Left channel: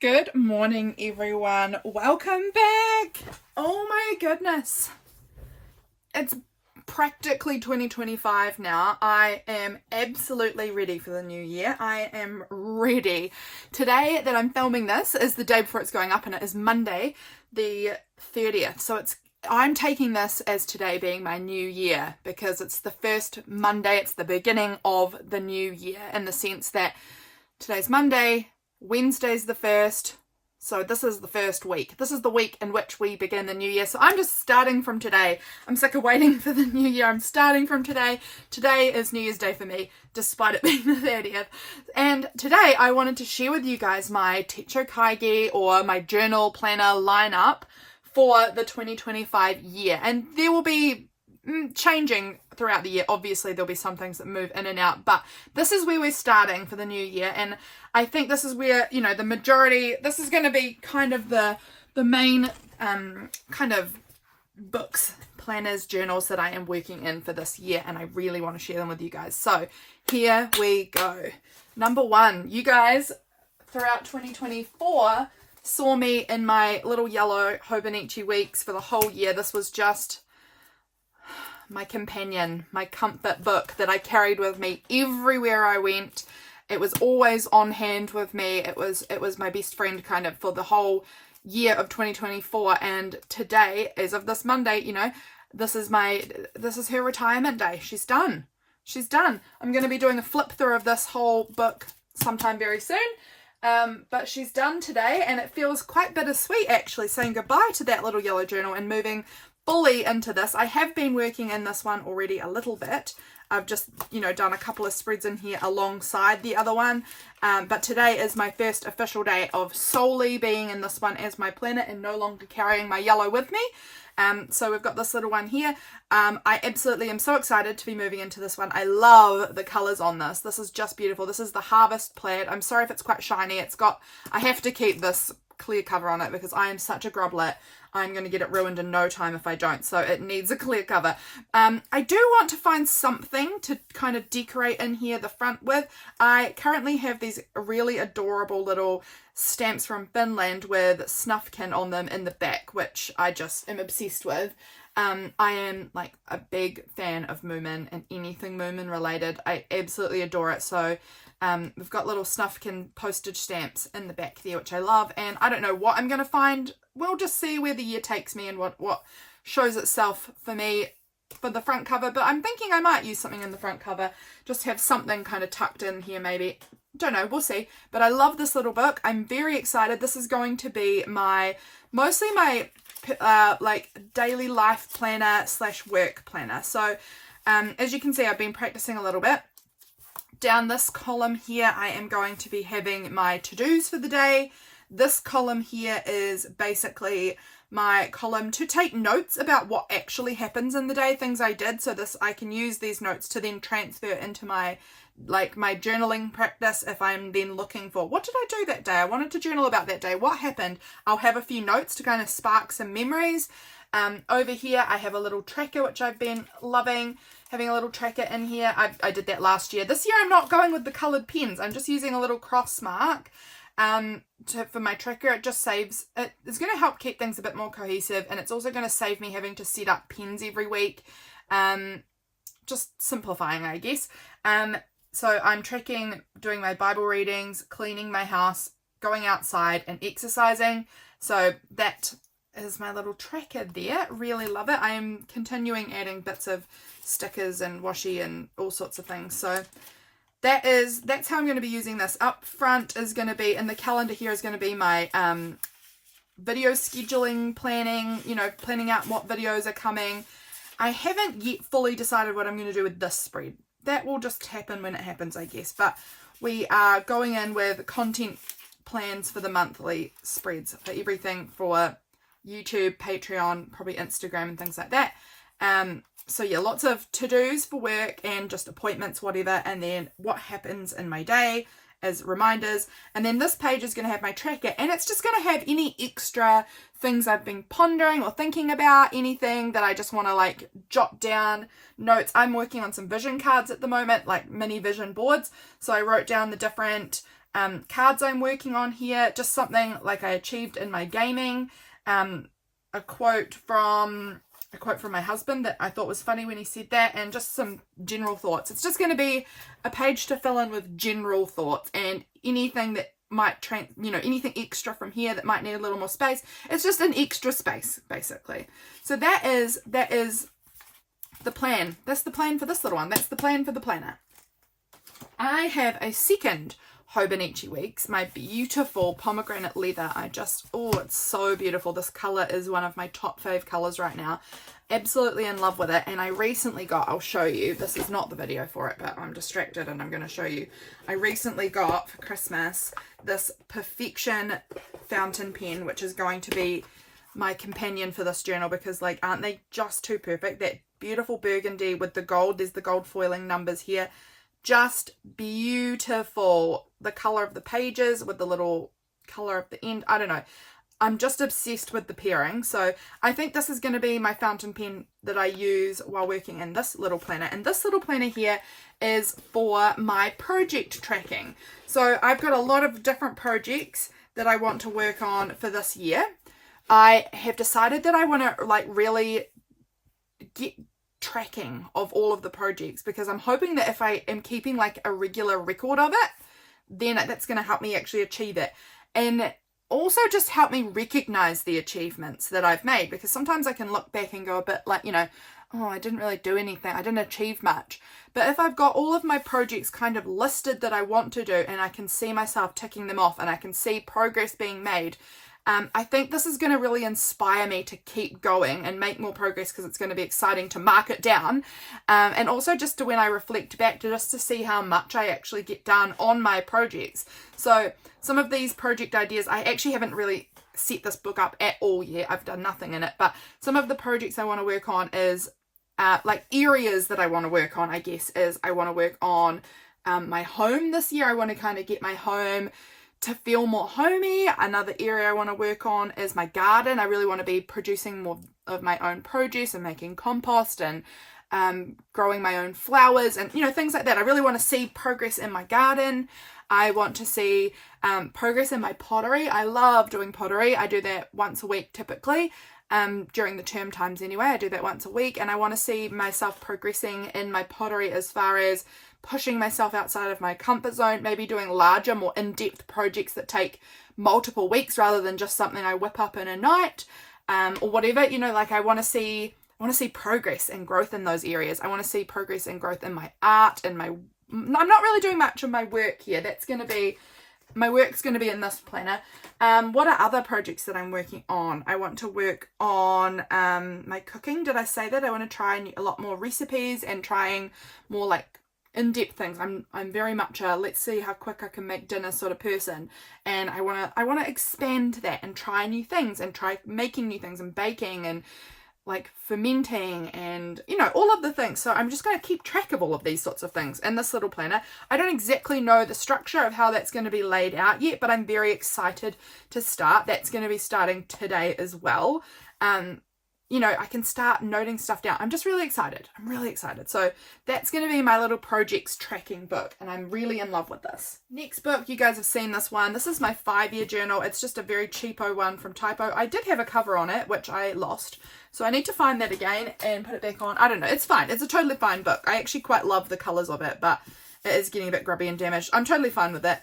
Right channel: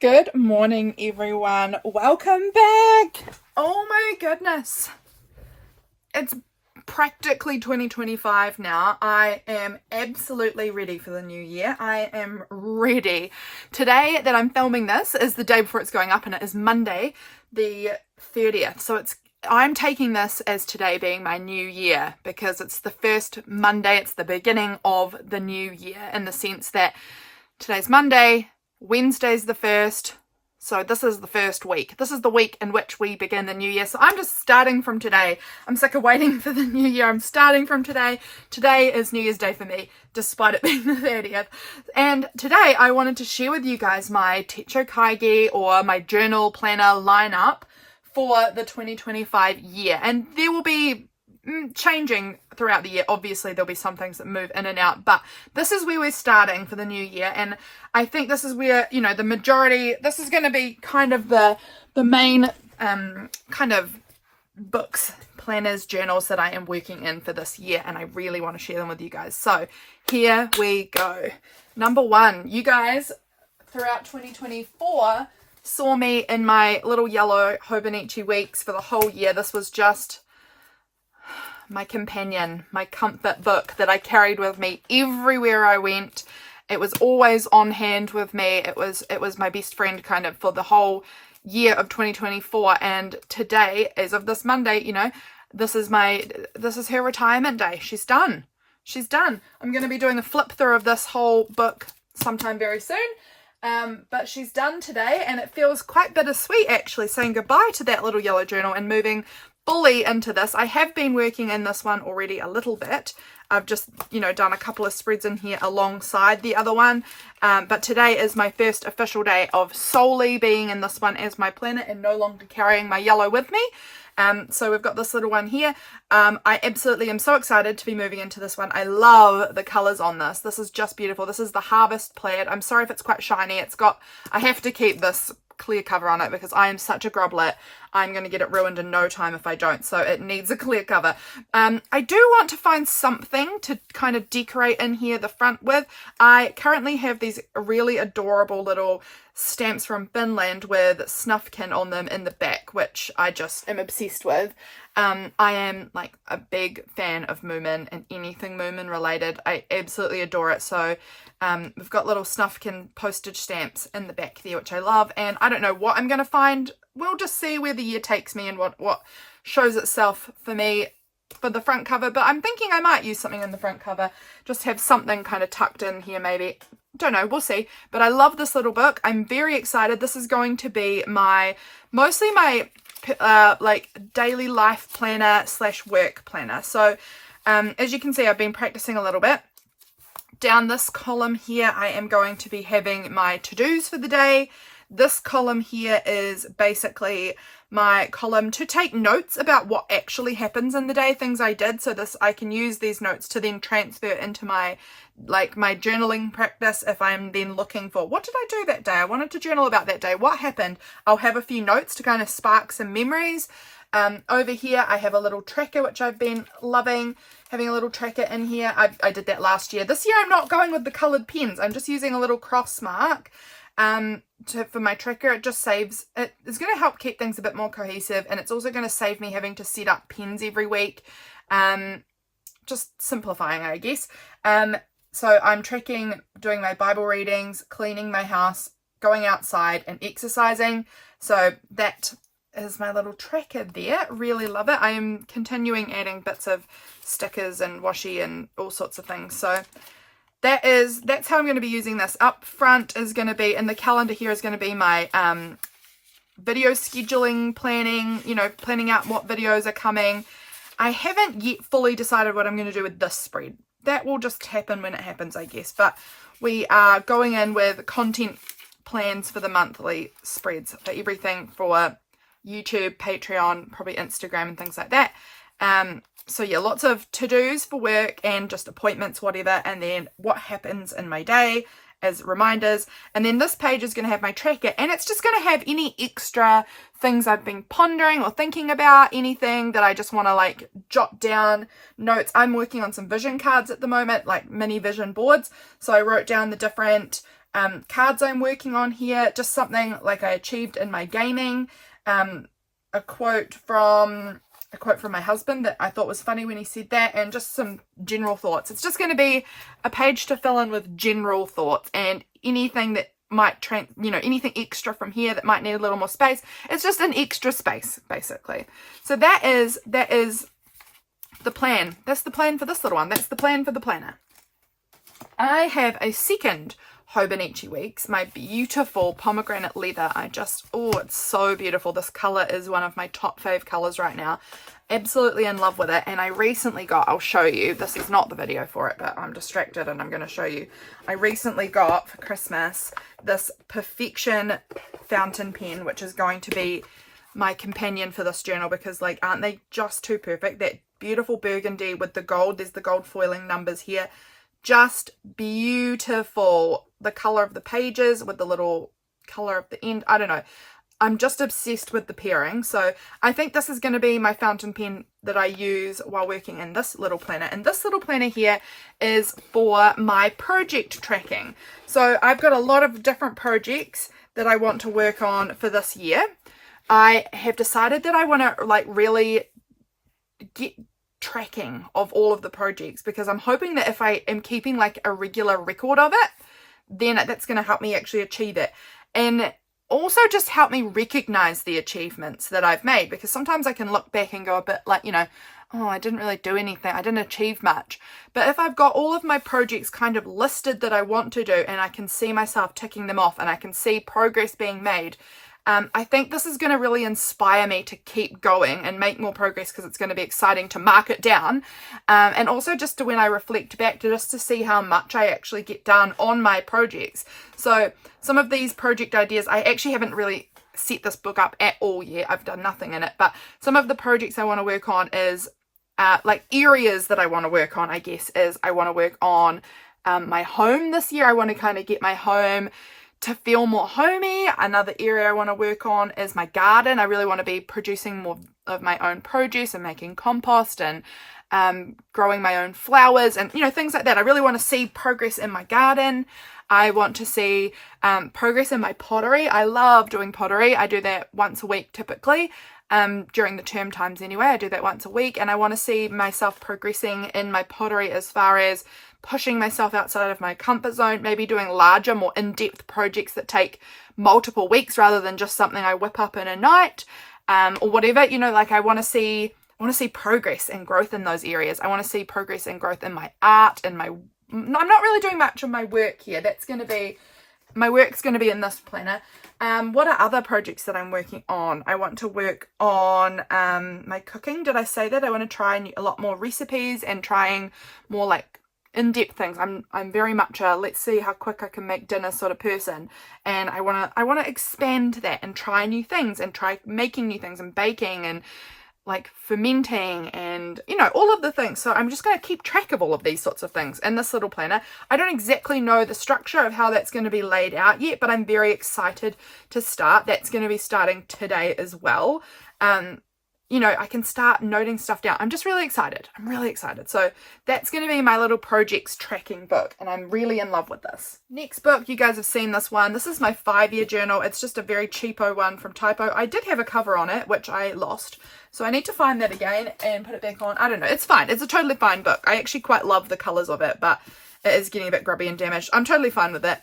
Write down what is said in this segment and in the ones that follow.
Good morning, everyone. Welcome back. Oh my goodness. It's practically 2025 now. I am absolutely ready for the new year. I am ready. Today that I'm filming this is the day before it's going up, and it is Monday, the 30th. So I'm taking this as today being my new year because it's the first Monday. It's the beginning of the new year in the sense that today's Monday, Wednesday's the 1st, so this is the first week. This is the week in which we begin the new year. So I'm just starting from today. I'm sick of waiting for the new year. I'm starting from today. Today is New Year's Day for me, despite it being the 30th. And today I wanted to share with you guys my Techo Kaigi or my journal planner lineup for the 2025 year. And there will be changing throughout the year. Obviously there'll be some things that move in and out, but this is where we're starting for the new year. And I think this is where, the majority, this is going to be kind of the main kind of books, planners, journals that I am working in for this year, and I really want to share them with you guys. So here we go. Number one, you guys throughout 2024 saw me in my little yellow Hobonichi weeks for the whole year. This was just my companion, my comfort book that I carried with me everywhere I went. It was always on hand with me. It was my best friend kind of for the whole year of 2024. And today, as of this Monday, this is her retirement day. She's done. I'm going to be doing a flip through of this whole book sometime very soon. But she's done today, and it feels quite bittersweet actually saying goodbye to that little yellow journal and moving fully into this. I have been working in this one already a little bit. I've just, done a couple of spreads in here alongside the other one. But today is my first official day of solely being in this one as my planner and no longer carrying my yellow with me. So we've got this little one here. I absolutely am so excited to be moving into this one. I love the colors on this. This is just beautiful. This is the Harvest Plaid. I'm sorry if it's quite shiny. I have to keep this clear cover on it because I am such a grublet. I'm going to get it ruined in no time if I don't, so it needs a clear cover. I do want to find something to kind of decorate in here the front with. I currently have these really adorable little stamps from Finland with Snufkin on them in the back, which I just am obsessed with. I am like a big fan of Moomin and anything Moomin related. I absolutely adore it. So we've got little Snufkin postage stamps in the back there, which I love. And I don't know what I'm going to find. We'll just see where the year takes me and what shows itself for me for the front cover. But I'm thinking I might use something in the front cover. Just have something kind of tucked in here maybe. Don't know, we'll see. But I love this little book. I'm very excited. This is going to be mostly my like daily life planner / work planner. So as you can see, I've been practicing a little bit. Down this column here, I am going to be having my to-dos for the day. This column here is basically my column to take notes about what actually happens in the day, things I did. So I can use these notes to then transfer into my journaling practice if I'm then looking for what did I do that day? I wanted to journal about that day. What happened? I'll have a few notes to kind of spark some memories. Over here, I have a little tracker, which I've been loving. Having a little tracker in here. I did that last year. This year I'm not going with the coloured pens. I'm just using a little cross mark for my tracker. It just saves, it's going to help keep things a bit more cohesive, and it's also going to save me having to set up pens every week. Just simplifying, I guess. So I'm tracking, doing my Bible readings, cleaning my house, going outside and exercising. So that is my little tracker there. Really love it. I am continuing adding bits of stickers and washi and all sorts of things. So that's how I'm going to be using this. Up front is going to be, in the calendar here is going to be my video scheduling, planning, planning out what videos are coming. I haven't yet fully decided what I'm going to do with this spread. That will just happen when it happens, I guess. But we are going in with content plans for the monthly spreads for everything for YouTube, Patreon, probably Instagram and things like that. So yeah, lots of to-dos for work and just appointments, whatever, and then what happens in my day as reminders. And then this page is going to have my tracker, and it's just going to have any extra things I've been pondering or thinking about, anything that I just want to jot down, notes. I'm working on some vision cards at the moment, like mini vision boards. So I wrote down the different cards I'm working on here, just something like I achieved in my gaming, a quote from my husband that I thought was funny when he said that, and just some general thoughts. It's just going to be a page to fill in with general thoughts, and anything that might anything extra from here that might need a little more space. It's just an extra space, basically. So that is the plan. That's the plan for this little one. That's the plan for the planner. I have a second Hobonichi Weeks, my beautiful pomegranate leather. It's so beautiful. This color is one of my top fave colors right now. Absolutely in love with it. And I recently got, I'll show you, this is not the video for it, but I'm distracted and I'm going to show you. I recently got for Christmas this Perfection fountain pen, which is going to be my companion for this journal, because like, aren't they just too perfect? That beautiful burgundy with the gold, there's the gold foiling numbers here. Just beautiful. The color of the pages with the little color of the end. I don't know. I'm just obsessed with the pairing. So I think this is going to be my fountain pen that I use while working in this little planner. And this little planner here is for my project tracking. So I've got a lot of different projects that I want to work on for this year. I have decided that I want to like really get tracking of all of the projects, because I'm hoping that if I am keeping like a regular record of it, then that's going to help me actually achieve it, and also just help me recognize the achievements that I've made, because sometimes I can look back and go a bit like, oh, I didn't really do anything, I didn't achieve much. But if I've got all of my projects kind of listed that I want to do, and I can see myself ticking them off and I can see progress being made, I think this is going to really inspire me to keep going and make more progress, because it's going to be exciting to mark it down. And also just to, when I reflect back, to just to see how much I actually get done on my projects. So some of these project ideas, I actually haven't really set this book up at all yet. I've done nothing in it. But some of the projects I want to work on is like areas that I want to work on, I guess, is I want to work on my home this year. I want to kind of get my home to feel more homey. Another area I want to work on is my garden. I really want to be producing more of my own produce and making compost and growing my own flowers and things like that. I really want to see progress in my garden. I want to see progress in my pottery. I love doing pottery. I do that once a week typically. During the term times anyway, I do that once a week, and I want to see myself progressing in my pottery as far as pushing myself outside of my comfort zone, maybe doing larger, more in-depth projects that take multiple weeks rather than just something I whip up in a night, or whatever. Like I want to see progress and growth in those areas. I want to see progress and growth in my art and I'm not really doing much of my work here. My work's going to be in this planner. What are other projects that I'm working on? I want to work on my cooking. Did I say that? I want to try a lot more recipes and trying more like in-depth things. I'm very much a let's see how quick I can make dinner sort of person, and I want to expand that and try new things and try making new things and baking and like fermenting and all of the things. So I'm just going to keep track of all of these sorts of things in this little planner. I don't exactly know the structure of how that's going to be laid out yet, but I'm very excited to start. That's going to be starting today as well. I can start noting stuff down. I'm just really excited. I'm really excited. So that's going to be my little projects tracking book, and I'm really in love with this. Next book, you guys have seen this one. This is my 5-year journal. It's just a very cheapo one from Typo. I did have a cover on it, which I lost. So I need to find that again and put it back on. I don't know. It's fine. It's a totally fine book. I actually quite love the colors of it, but it is getting a bit grubby and damaged. I'm totally fine with it.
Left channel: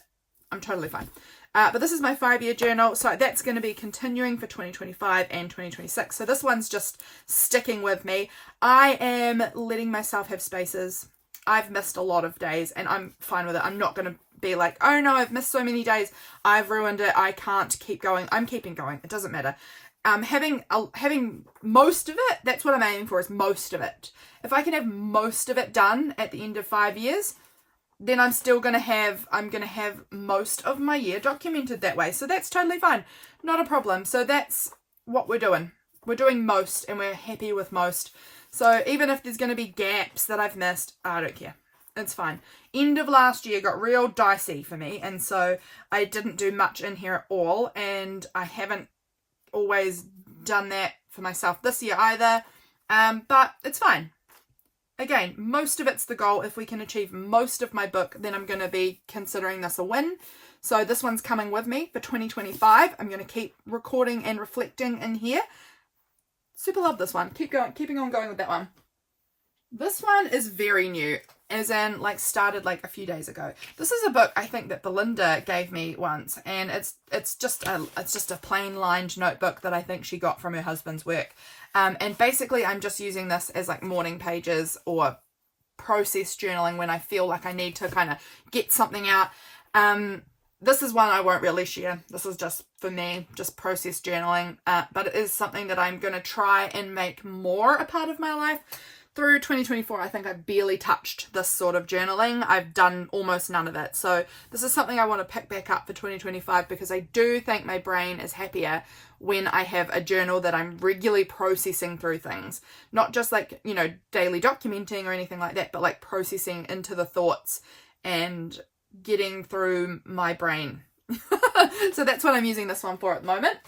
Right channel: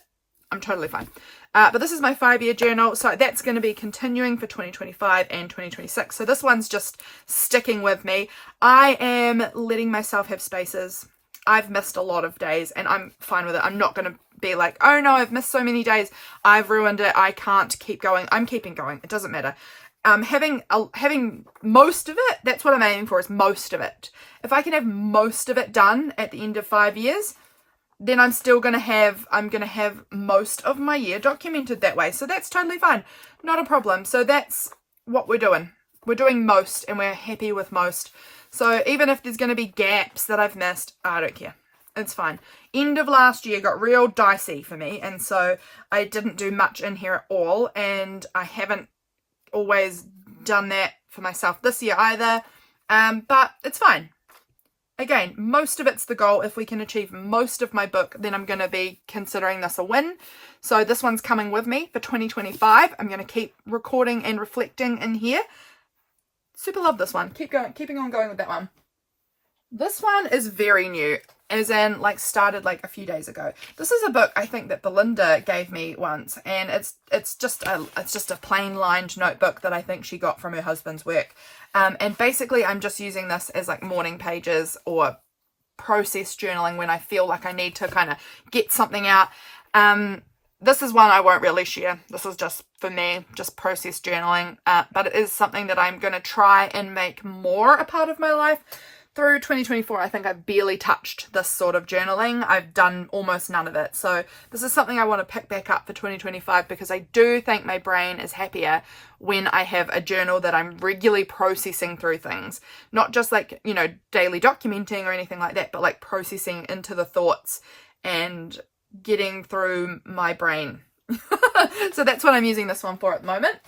I'm totally fine. But this is my 5-year journal, so that's going to be continuing for 2025 and 2026. So this one's just sticking with me. I am letting myself have spaces. I've missed a lot of days, and I'm fine with it. I'm not going to be like, oh no, I've missed so many days. I've ruined it. I can't keep going. I'm keeping going. It doesn't matter. Having most of it, that's what I'm aiming for, is most of it. If I can have most of it done at the end of 5 years, then I'm going to have most of my year documented that way. So that's totally fine. Not a problem. So that's what we're doing. We're doing most, and we're happy with most. So even if there's going to be gaps that I've missed, I don't care. It's fine. End of last year got real dicey for me, and so I didn't do much in here at all, and I haven't always done that for myself this year either. But it's fine. again, most of it's the goal. If we can achieve most of my book, then I'm going to be considering this a win. So this one's coming with me for 2025. I'm going to keep recording and reflecting in here. Super love this one. Keeping on going with that one. This one is very new, as in like started like a few days ago. This is a book I think that Belinda gave me once, and it's just a plain lined notebook that I think she got from her husband's work. And basically I'm just using this as like morning pages or process journaling when I feel like I need to kind of get something out. This is one I won't really share. This is just for me, just process journaling. But it is something that I'm going to try and make more a part of my life. Through 2024, I think I've barely touched this sort of journaling. I've done almost none of it. So this is something I want to pick back up for 2025, because I do think my brain is happier when I have a journal that I'm regularly processing through things. Not just like, you know, daily documenting or anything like that, but like processing into the thoughts and getting through my brain. So that's what I'm using this one for at the moment.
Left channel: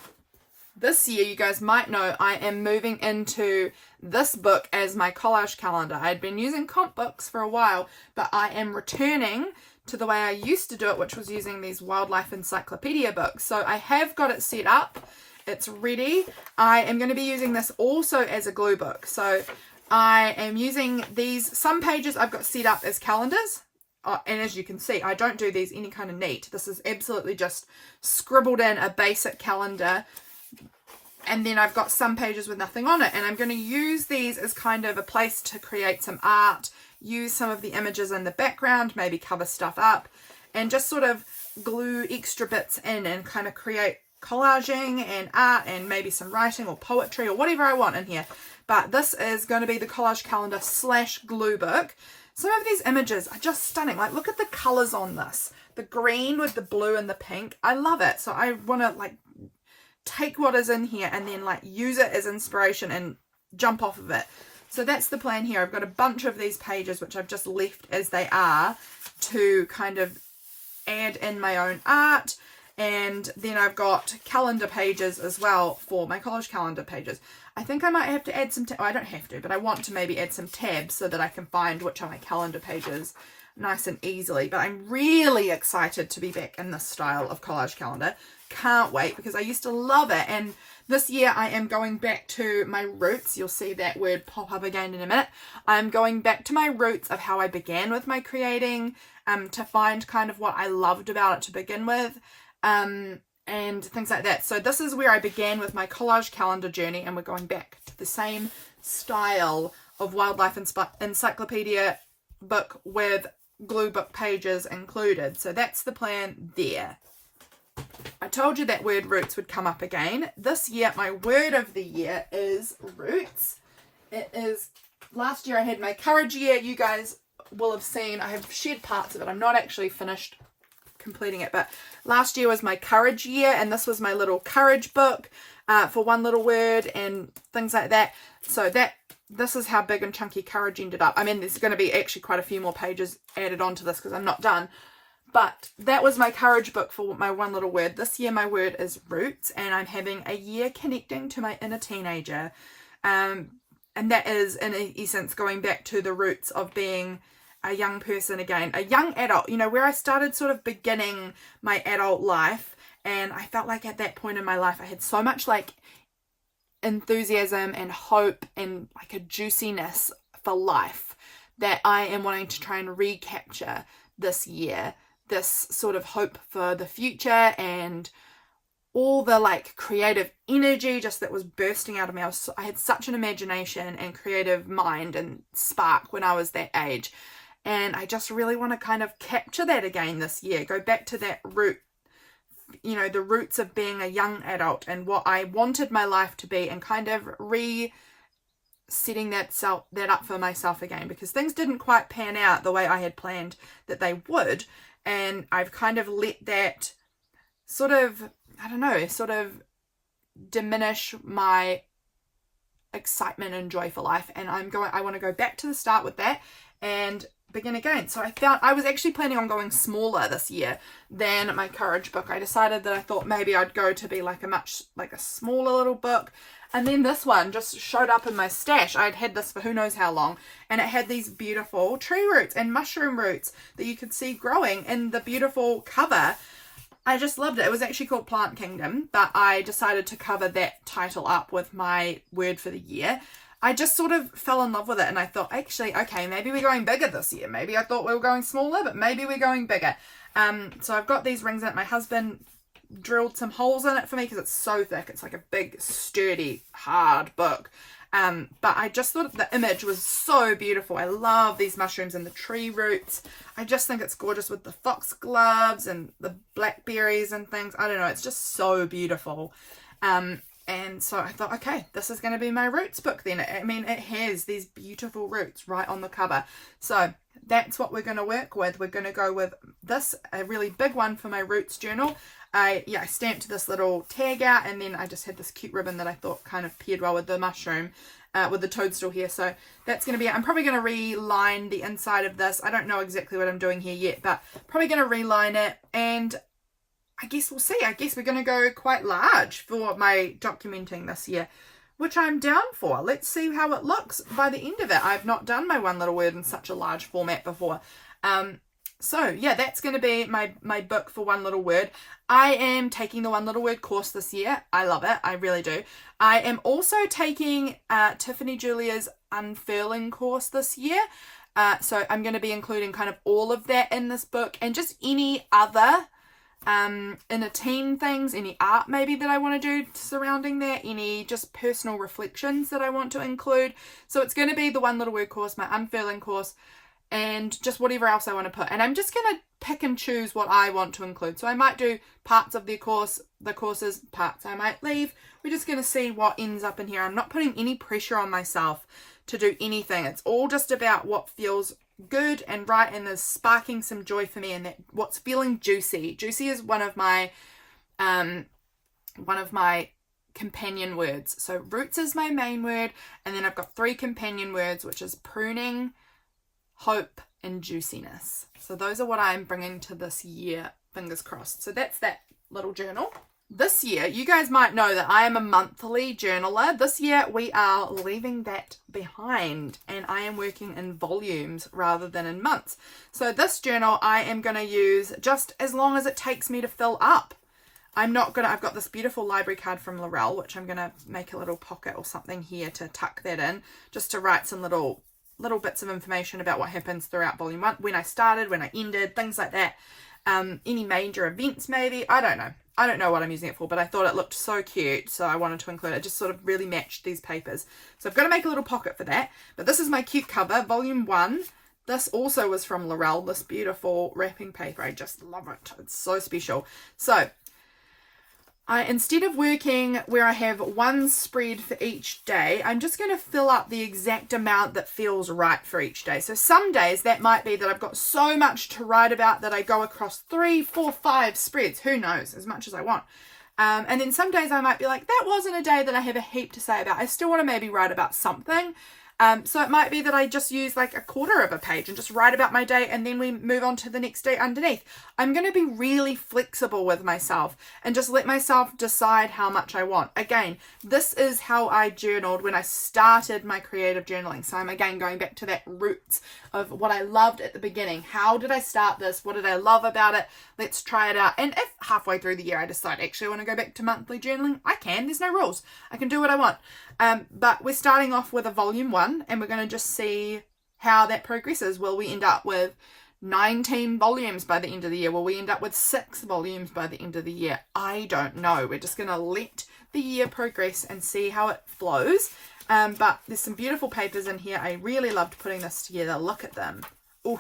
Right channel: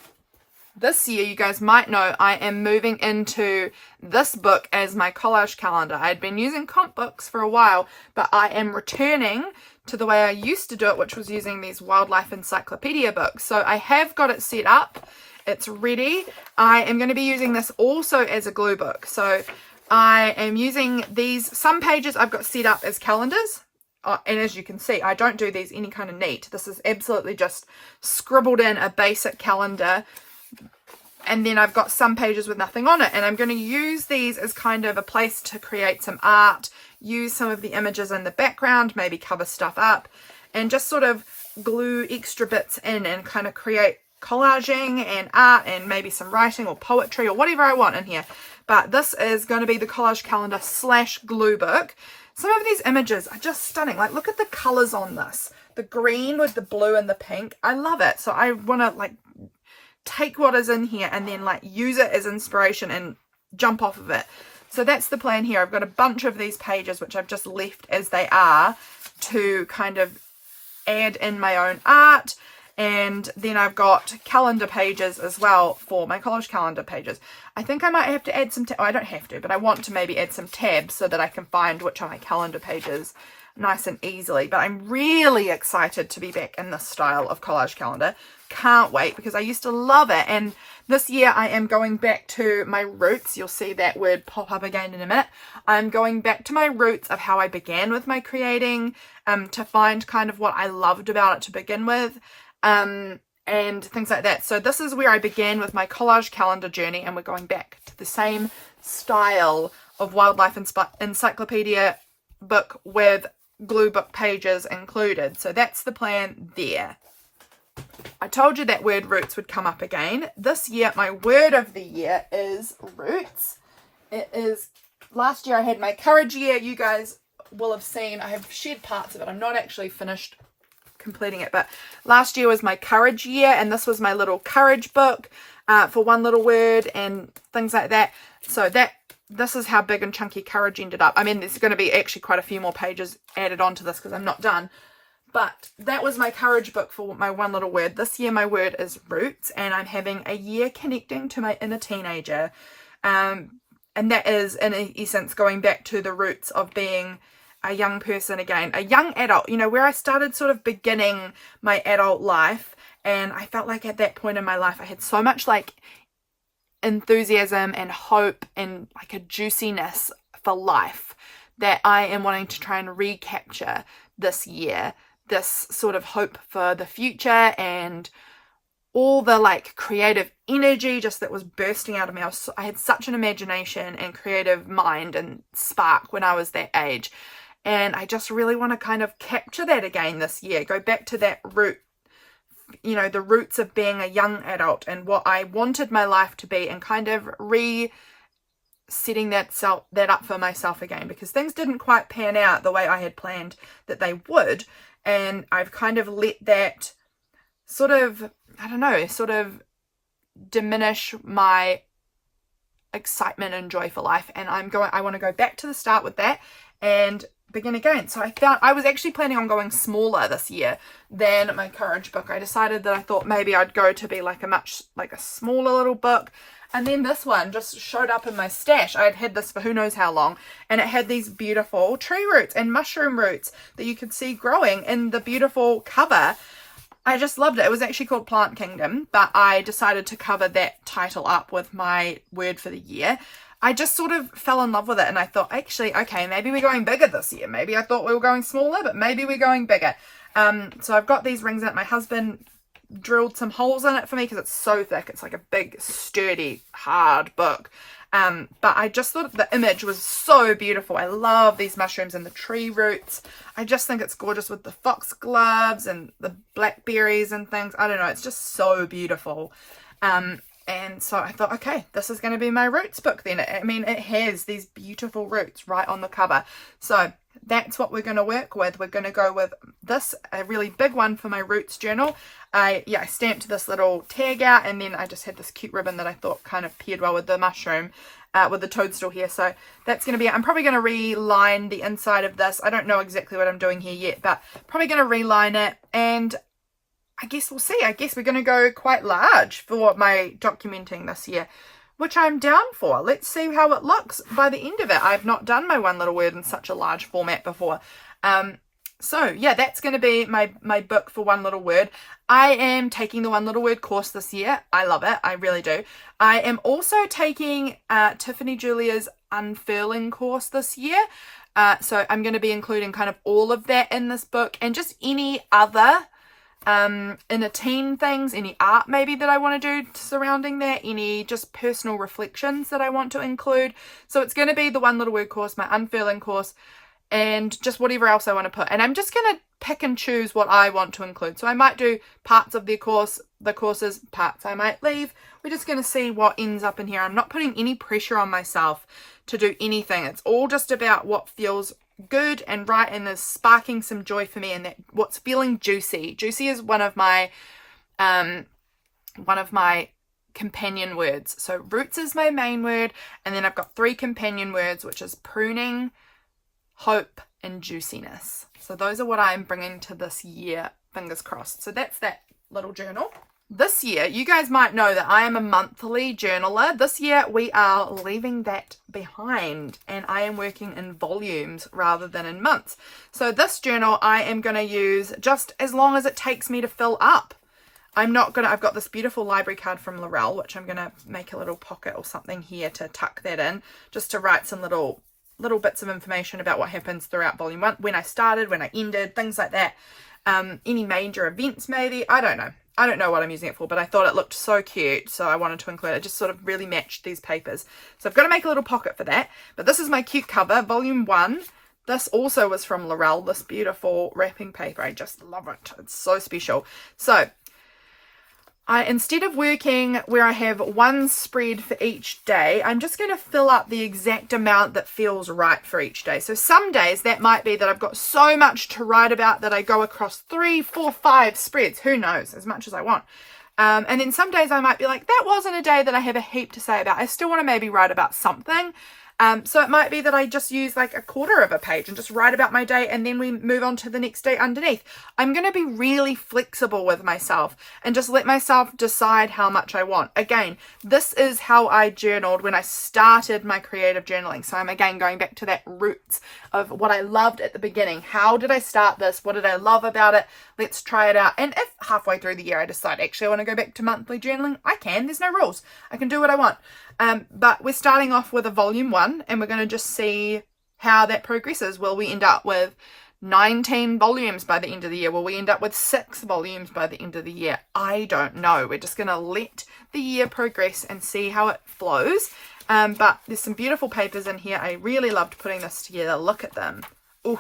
This year, you guys might know, I am moving into this book as my collage calendar. I had been using comp books for a while, but I am returning to the way I used to do it, which was using these wildlife encyclopedia books. So I have got it set up. It's ready. I am going to be using this also as a glue book. So I am using these, some pages I've got set up as calendars. And as you can see, I don't do these any kind of neat. This is absolutely just scribbled in a basic calendar. And then I've got some pages with nothing on it. And I'm going to use these as kind of a place to create some art, use some of the images in the background, maybe cover stuff up, and just sort of glue extra bits in and kind of create collaging and art and maybe some writing or poetry or whatever I want in here. But this is going to be the collage calendar / glue book. Some of these images are just stunning. Like, look at the colors on this. The green with the blue and the pink. I love it. So I want to like take what is in here and then like use it as inspiration and jump off of it. So that's the plan here. I've got a bunch of these pages which I've just left as they are to kind of add in my own art. And then I've got calendar pages as well for my collage calendar pages. I think I might have to add some, I don't have to, but I want to maybe add some tabs so that I can find which are my calendar pages nice and easily. But I'm really excited to be back in this style of collage calendar. Can't wait, because I used to love it. And this year I am going back to my roots. You'll see that word pop up again in a minute. I'm going back to my roots of how I began with my creating, to find kind of what I loved about it to begin with, and things like that. So this is where I began with my collage calendar journey, and we're going back to the same style of wildlife encyclopedia book with glue book pages included. So that's the plan there. I told you that word roots would come up again. This year, my word of the year is roots. It is, last year I had my courage year. You guys will have seen, I have shared parts of it. I'm not actually finished completing it, but last year was my courage year, and this was my little courage book for one little word and things like that. So this is how big and chunky courage ended up. I mean, there's going to be actually quite a few more pages added onto this because I'm not done. But that was my courage book for my one little word. This year my word is roots, and I'm having a year connecting to my inner teenager. And that is, in essence, going back to the roots of being a young person again, a young adult, you know, where I started sort of beginning my adult life. And I felt like at that point in my life, I had so much like enthusiasm and hope and like a juiciness for life that I am wanting to try and recapture this year. This sort of hope for the future and all the like creative energy just that was bursting out of me. I had such an imagination and creative mind and spark when I was that age. And I just really want to kind of capture that again this year. Go back to that root, you know, the roots of being a young adult and what I wanted my life to be, and kind of setting that up for myself again, because things didn't quite pan out the way I had planned that they would. And I've kind of let that sort of, I don't know, sort of diminish my excitement and joy for life. And I want to go back to the start with that and begin again. So I was actually planning on going smaller this year than my courage book. I decided that I thought maybe I'd go to be like a smaller little book. And then this one just showed up in my stash. I had had this for who knows how long, and it had these beautiful tree roots and mushroom roots that you could see growing in the beautiful cover. I just loved it. It was actually called Plant Kingdom, but I decided to cover that title up with my word for the year. I just sort of fell in love with it, and I thought, actually, okay, maybe we're going bigger this year. Maybe I thought we were going smaller, but maybe we're going bigger. So I've got these rings in it. My husband drilled some holes in it for me because it's so thick. It's like a big, sturdy, hard book. But I just thought the image was so beautiful. I love these mushrooms and the tree roots. I just think it's gorgeous with the foxgloves and the blackberries and things. I don't know. It's just so beautiful. And so I thought, okay, this is going to be my roots book then. I mean, it has these beautiful roots right on the cover. So that's what we're going to work with. We're going to go with this, a really big one for my roots journal. I stamped this little tag out, and then I just had this cute ribbon that I thought kind of paired well with the mushroom, with the toadstool here. So that's going to be, I'm probably going to reline the inside of this. I don't know exactly what I'm doing here yet, but probably going to reline it, and I guess we'll see. I guess we're going to go quite large for my documenting this year, which I'm down for. Let's see how it looks by the end of it. I've not done my one little word in such a large format before. So yeah, that's going to be my book for one little word. I am taking the one little word course this year. I love it. I really do. I am also taking Tiffany Julia's unfurling course this year. So I'm going to be including kind of all of that in this book, and just any other inner teen things, any art maybe that I want to do surrounding that, any just personal reflections that I want to include. So it's going to be the one little word course, my unfurling course, and just whatever else I want to put. And I'm just going to pick and choose what I want to include. So I might do parts of the courses, parts I might leave. We're just going to see what ends up in here. I'm not putting any pressure on myself to do anything. It's all just about what feels good and right, and is sparking some joy for me, and that what's feeling juicy. Juicy is one of my companion words. So roots is my main word, and then I've got 3 companion words, which is pruning, hope, and juiciness. So those are what I'm bringing to this year, fingers crossed. So that's that little journal. This year, you guys might know that I am a monthly journaler. This year, we are leaving that behind, and I am working in volumes rather than in months. So this journal, I am going to use just as long as it takes me to fill up. I've got this beautiful library card from Laurelle, which I'm going to make a little pocket or something here to tuck that in, just to write some little bits of information about what happens throughout volume 1, when I started, when I ended, things like that. Any major events maybe, I don't know. I don't know what I'm using it for, but I thought it looked so cute, so I wanted to include it. It just sort of really matched these papers. So I've got to make a little pocket for that. But this is my cute cover, volume 1. This also was from Laurelle, this beautiful wrapping paper. I just love it. It's so special. So instead of working where I have one spread for each day, I'm just going to fill up the exact amount that feels right for each day. So some days that might be that I've got so much to write about that I go across 3, 4, 5 spreads. Who knows? As much as I want. And then some days I might be like, that wasn't a day that I have a heap to say about. I still want to maybe write about something. So it might be that I just use like a quarter of a page and just write about my day, and then we move on to the next day underneath. I'm going to be really flexible with myself and just let myself decide how much I want. Again, this is how I journaled when I started my creative journaling. So I'm again going back to that roots of what I loved at the beginning. How did I start this? What did I love about it? Let's try it out. And if halfway through the year I decide actually I want to go back to monthly journaling, I can. There's no rules. I can do what I want. But we're starting off with a volume 1, and we're going to just see how that progresses. Will we end up with 19 volumes by the end of the year? Will we end up with 6 volumes by the end of the year? I don't know. We're just going to let the year progress and see how it flows. But there's some beautiful papers in here. I really loved putting this together. Look at them. Ooh,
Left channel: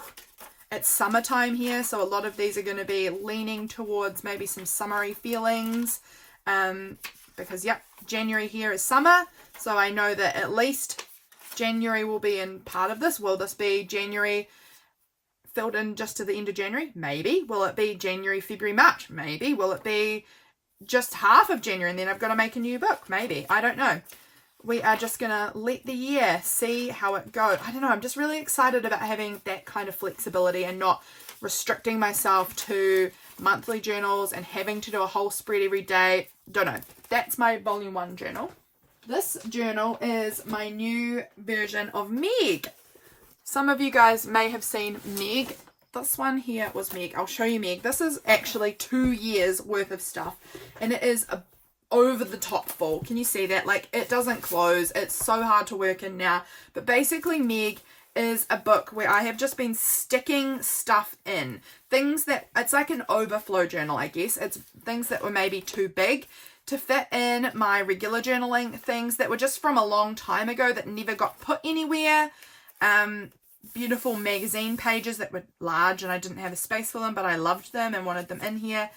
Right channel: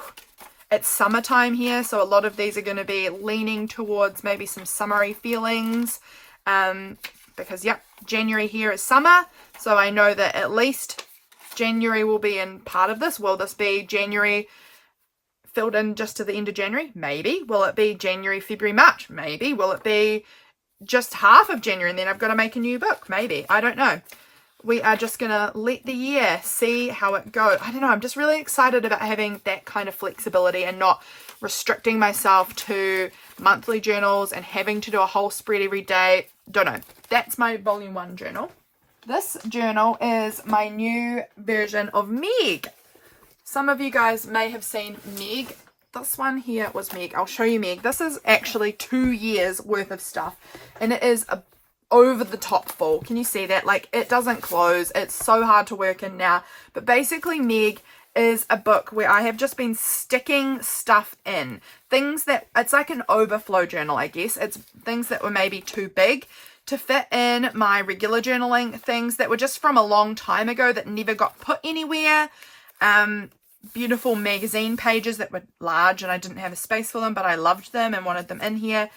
it's summertime here, so a lot of these are going to be leaning towards maybe some summery feelings. Because, yep, January here is summer. So I know that at least January will be in part of this. Will this be January filled in just to the end of January? Maybe. Will it be January, February, March? Maybe. Will it be just half of January and then I've got to make a new book? Maybe. I don't know. We are just going to let the year see how it goes. I don't know. I'm just really excited about having that kind of flexibility and not restricting myself to monthly journals and having to do a whole spread every day. Don't know. That's my volume 1 journal. This journal is my new version of Meg. Some of you guys may have seen Meg. This one here was Meg. I'll show you Meg. This is actually 2 years worth of stuff, and it is a over the top full. Can you see that? Like, it doesn't close. It's so hard to work in now. But basically, Meg is a book where I have just been sticking stuff in. Things that, it's like an overflow journal, I guess. It's things that were maybe too big to fit in my regular journaling, things that were just from a long time ago that never got put anywhere. Beautiful magazine pages that were large and I didn't have a space for them, but I loved them and wanted them in here.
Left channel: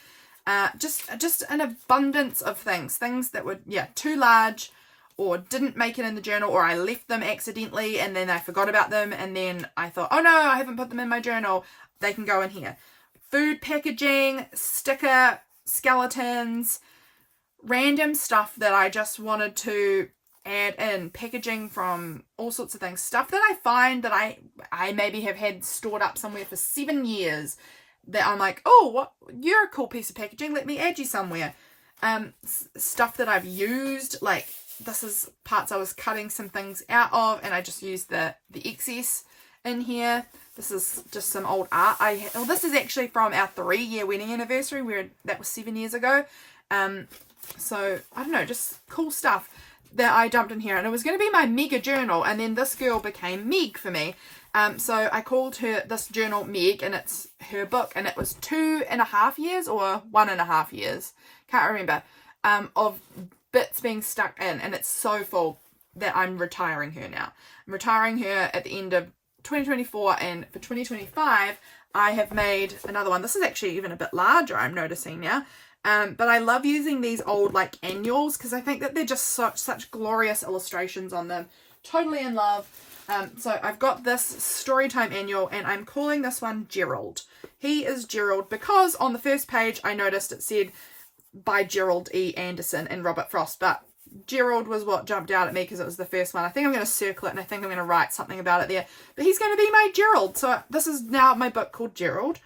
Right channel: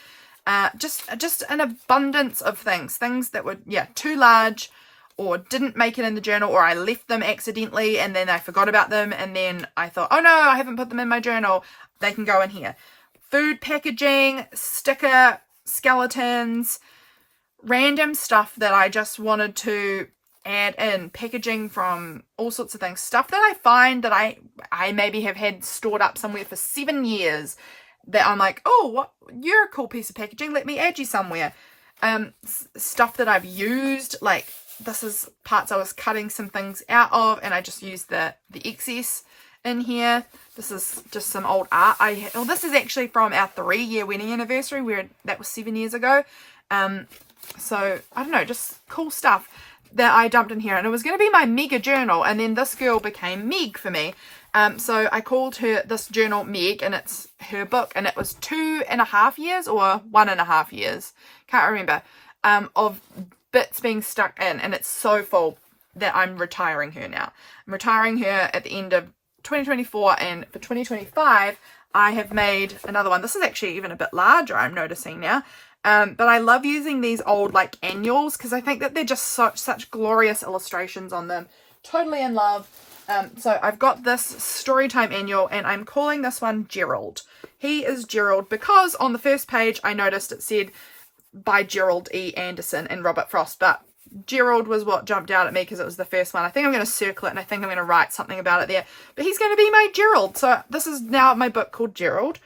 Just an abundance of things that were, too large or didn't make it in the journal, or I left them accidentally and then I forgot about them and then I thought, oh no, I haven't put them in my journal. They can go in here. Food packaging, sticker, skeletons, random stuff that I just wanted to add in, packaging from all sorts of things, stuff that I find that I maybe have had stored up somewhere for 7 years that I'm like, oh, what, you're a cool piece of packaging, let me add you somewhere. Stuff that I've used, like this is parts I was cutting some things out of and I just used the excess in here. This is just some old art this is actually from our 3-year wedding anniversary, where that was 7 years ago. So I don't know, just cool stuff that I dumped in here, and it was going to be my mega journal, and then this girl became Meg for me. So I called this journal Meg, and it's her book, and it was 2.5 years or 1.5 years, can't remember, of bits being stuck in, and it's so full that I'm retiring her now. I'm retiring her at the end of 2024, and for 2025 I have made another one. This is actually even a bit larger, I'm noticing now. But I love using these old like annuals because I think that they're just such glorious illustrations on them. Totally in love. So I've got this Storytime annual, and I'm calling this one Gerald. He is Gerald because on the first page I noticed it said by Gerald E. Anderson and Robert Frost, but Gerald was what jumped out at me because it was the first one. I think I'm going to circle it and I think I'm going to write something about it there. But he's going to be my Gerald. So this is now my book called Gerald.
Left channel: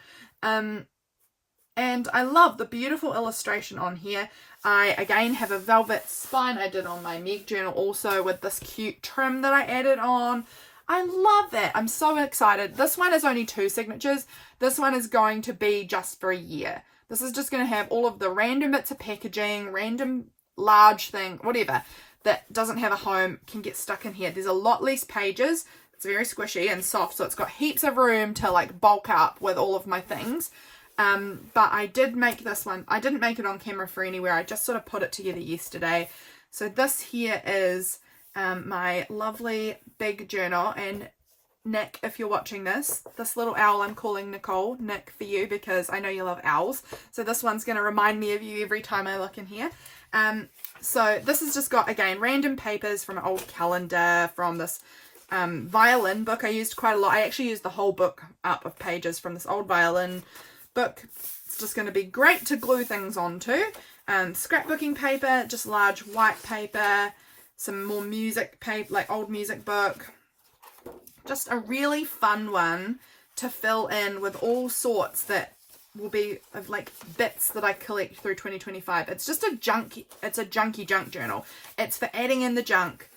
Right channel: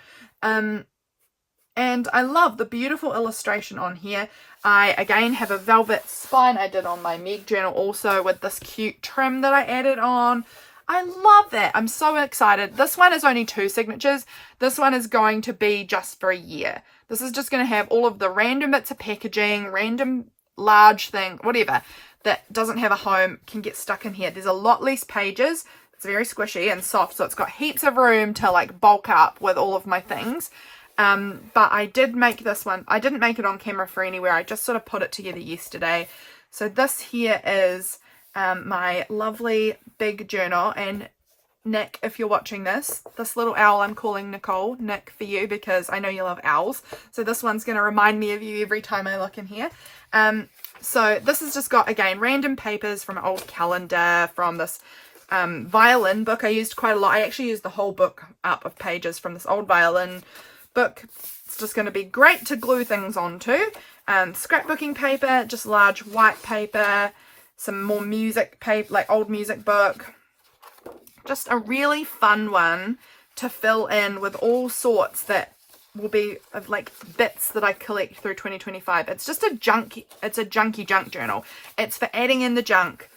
And I love the beautiful illustration on here. I, again, have a velvet spine I did on my Meg journal also with this cute trim that I added on. I love that. I'm so excited. This one is only 2 signatures. This one is going to be just for a year. This is just going to have all of the random bits of packaging, random large thing, whatever, that doesn't have a home can get stuck in here. There's a lot less pages. It's very squishy and soft, so it's got heaps of room to like bulk up with all of my things. But I did make this one. I didn't make it on camera for anywhere. I just sort of put it together yesterday. So this here is my lovely big journal. And Nick, if you're watching this little owl I'm calling Nicole, Nick for you, because I know you love owls. So this one's going to remind me of you every time I look in here. So this has just got, again, random papers from an old calendar, from this violin book I used quite a lot. I actually used the whole book up of pages from this old violin book. It's just going to be great to glue things onto. Scrapbooking paper, just large white paper, some more music paper, like old music book. Just a really fun one to fill in with all sorts that will be of like bits that I collect through 2025. It's just it's a junky junk journal. It's for adding in the junk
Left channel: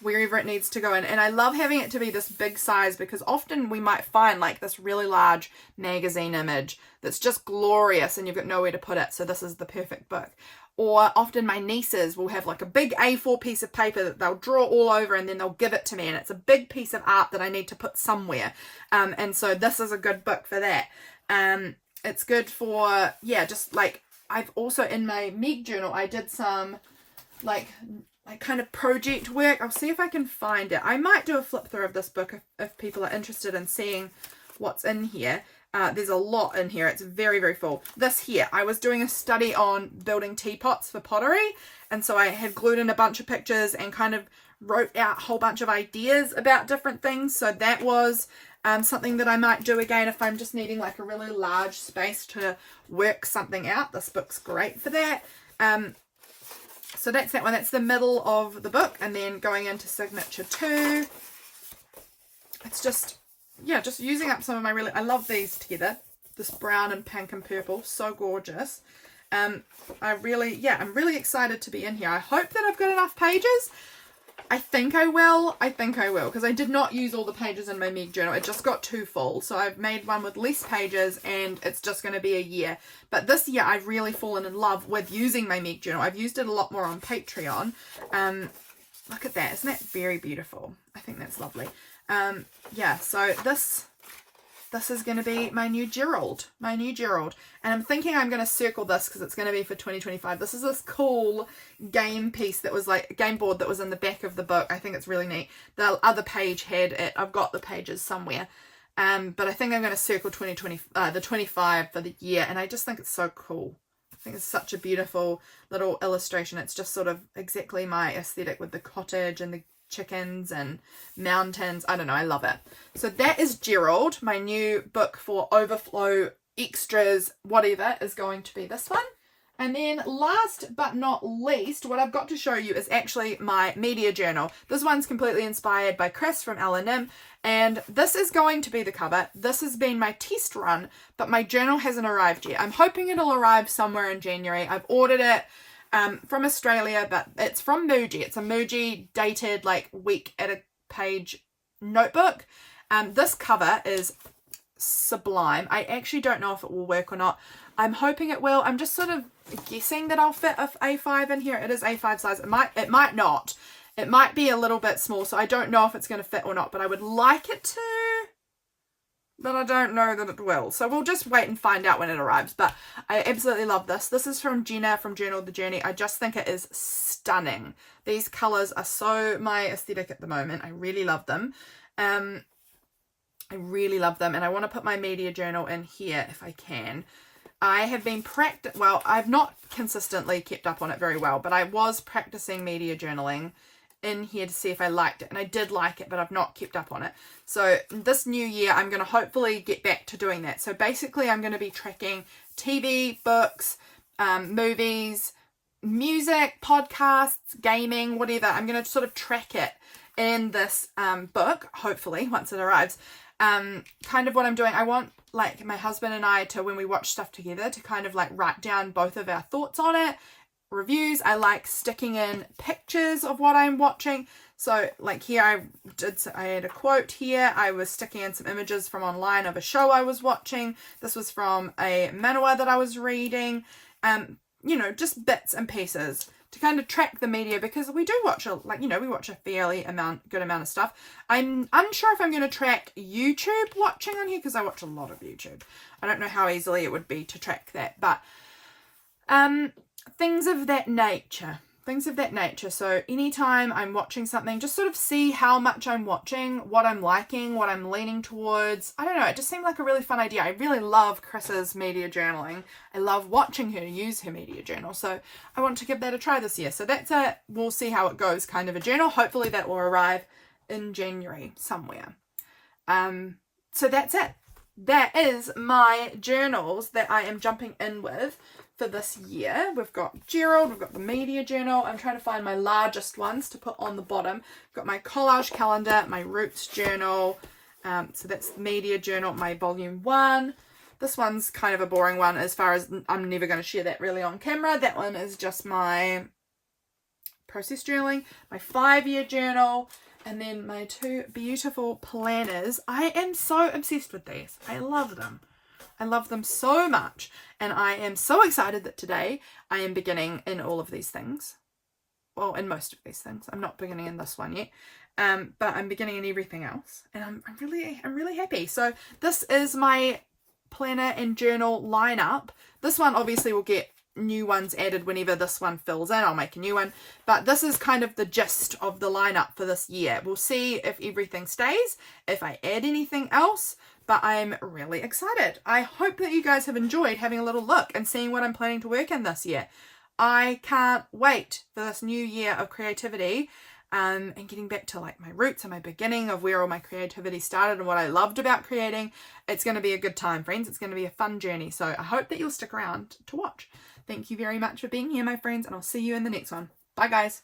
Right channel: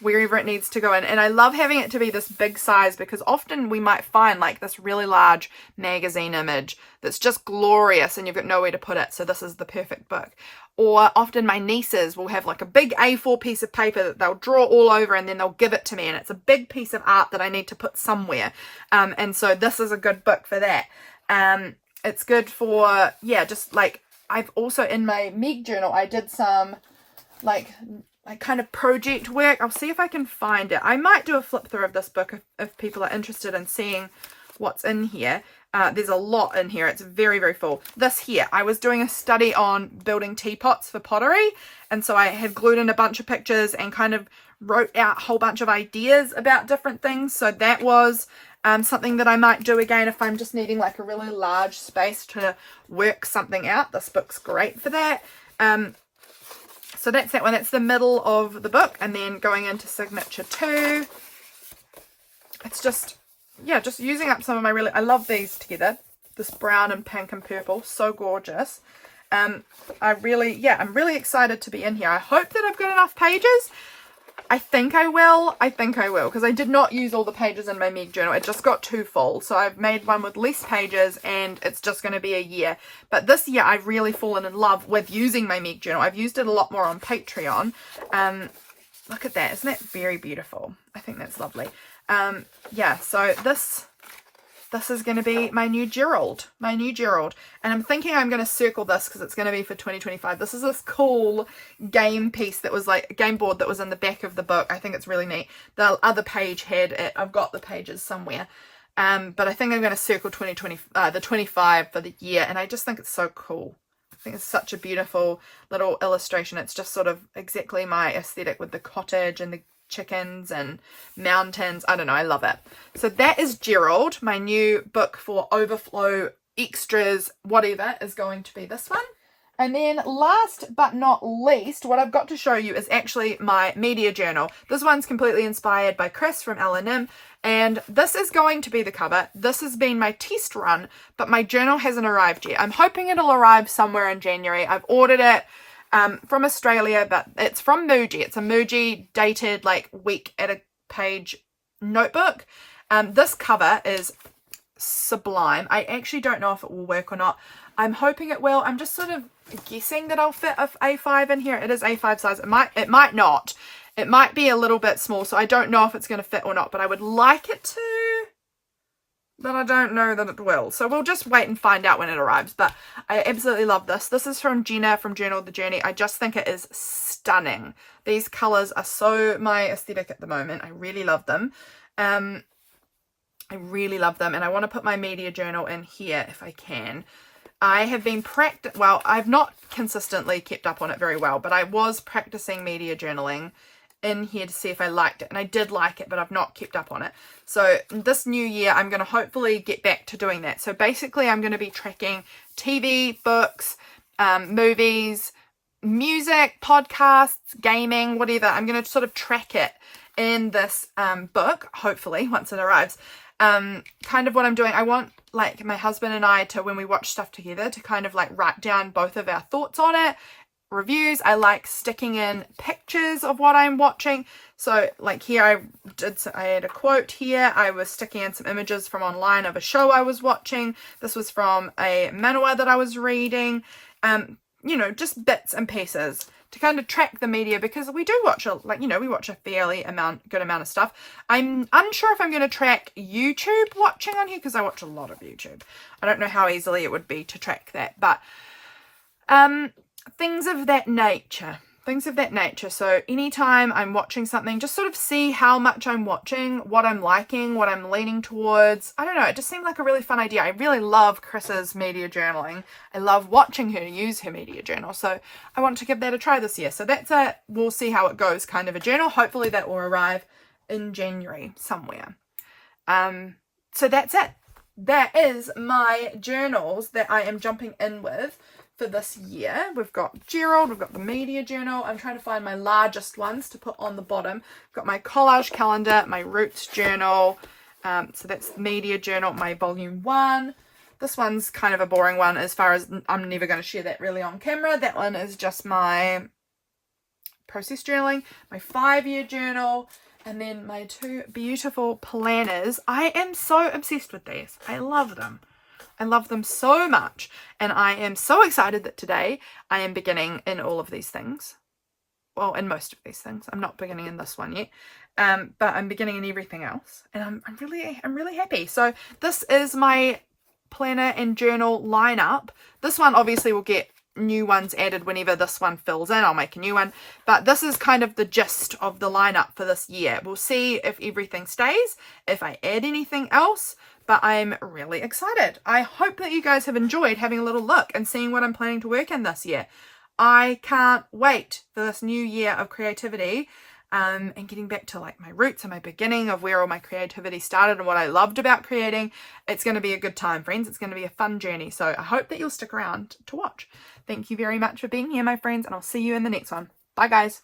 wherever it needs to go in. And I love having it to be this big size because often we might find like this really large magazine image that's just glorious and you've got nowhere to put it. So this is the perfect book. Or often my nieces will have like a big A4 piece of paper that they'll draw all over and then they'll give it to me. And it's a big piece of art that I need to put somewhere. And so this is a good book for that. It's good for, just like, I've also in my Meg journal, I did some like kind of project work. I'll see if I can find it. I might do a flip through of this book if people are interested in seeing what's in here. There's a lot in here. It's very, very full. This here, I was doing a study on building teapots for pottery. And so I had glued in a bunch of pictures and kind of wrote out a whole bunch of ideas about different things. So that was something that I might do again if I'm just needing like a really large space to work something out. This book's great for that. So that's that one. That's the middle of the book. And then going into signature 2, it's just using up some of my I love these together. This brown and pink and purple. So gorgeous. I'm really excited to be in here. I hope that I've got enough pages. I think I will, because I did not use all the pages in my Meg journal. It just got too full, so I've made one with less pages, and it's just going to be a year. But this year I've really fallen in love with using my Meg journal. I've used it a lot more on Patreon. Look at that, isn't that very beautiful? I think that's lovely. Yeah, so this is going to be my new Gerald. And I'm thinking I'm going to circle this because it's going to be for 2025. This is this cool game piece that was like a game board that was in the back of the book. I think it's really neat. The other page had it. I've got the pages somewhere. But I think I'm going to circle the 25 for the year. And I just think it's so cool. I think it's such a beautiful little illustration. It's just sort of exactly my aesthetic with the cottage and the chickens and mountains. I don't know, I love it. So that is Gerald. My new book for Overflow extras, whatever, is going to be this one. And then last but not least, what I've got to show you is actually my media journal. This one's completely inspired by Chris from L&M, and this is going to be the cover. This has been my test run, but my journal hasn't arrived yet. I'm hoping it'll arrive somewhere in January. I've ordered it from Australia, but it's from Muji. It's a Muji dated like week at a page notebook. This cover is sublime. I actually don't know if it will work or not. I'm hoping it will. I'm just sort of guessing that I'll fit a A5 in here. It is A5 size. It might not. It might be a little bit small, so I don't know if it's going to fit or not, but I would like it to. But I don't know that it will. So we'll just wait and find out when it arrives. But I absolutely love this. This is from Jenna from Journal of the Journey. I just think it is stunning. These colours are so my aesthetic at the moment. I really love them. I really love them. And I want to put my media journal in here if I can. I have been well, I've not consistently kept up on it very well, but I was practicing media journaling in here to see if I liked it, and I did like it, but I've not kept up on it. So this new year I'm going to hopefully get back to doing that. So basically I'm going to be tracking TV, books, movies, music, podcasts, gaming, whatever. I'm going to sort of track it in this book, hopefully, once it arrives. Kind of what I'm doing, I want like my husband and I to, when we watch stuff together, to kind of like write down both of our thoughts on it, reviews. I like sticking in pictures of what I'm watching. So like here I had a quote here. I was sticking in some images from online of a show I was watching. This was from a manhwa that I was reading. You know, just bits and pieces to kind of track the media, because we do watch we watch a fairly good amount of stuff. I'm unsure if I'm going to track YouTube watching on here, because I watch a lot of YouTube. I don't know how easily it would be to track that, but things of that nature. So anytime I'm watching something, just sort of see how much I'm watching, what I'm liking, what I'm leaning towards. I don't know, it just seemed like a really fun idea. I really love Chris's media journaling. I love watching her use her media journal. So I want to give that a try this year. So that's a, we'll see how it goes kind of a journal. Hopefully that will arrive in January somewhere. So that's it. That is my journals that I am jumping in with for this year. We've got Gerald, we've got the media journal. I'm trying to find my largest ones to put on the bottom. I've got my collage calendar, my roots journal. So that's the media journal, my volume 1. This one's kind of a boring one as far as I'm never going to share that really on camera. That one is just my process journaling, my 5-year journal, and then my 2 beautiful planners. I am so obsessed with these. I love them. I love them so much, and I am so excited that today I am beginning in all of these things. Well, in most of these things. I'm not beginning in this one yet, but I'm beginning in everything else, and I'm really happy. So this is my planner and journal lineup. This one obviously will get new ones added whenever this one fills in. I'll make a new one, but this is kind of the gist of the lineup for this year. We'll see if everything stays, if I add anything else. But I'm really excited. I hope that you guys have enjoyed having a little look and seeing what I'm planning to work in this year. I can't wait for this new year of creativity, and getting back to like my roots and my beginning of where all my creativity started and what I loved about creating. It's going to be a good time, friends. It's going to be a fun journey. So I hope that you'll stick around to watch. Thank you very much for being here, my friends, and I'll see you in the next one. Bye, guys.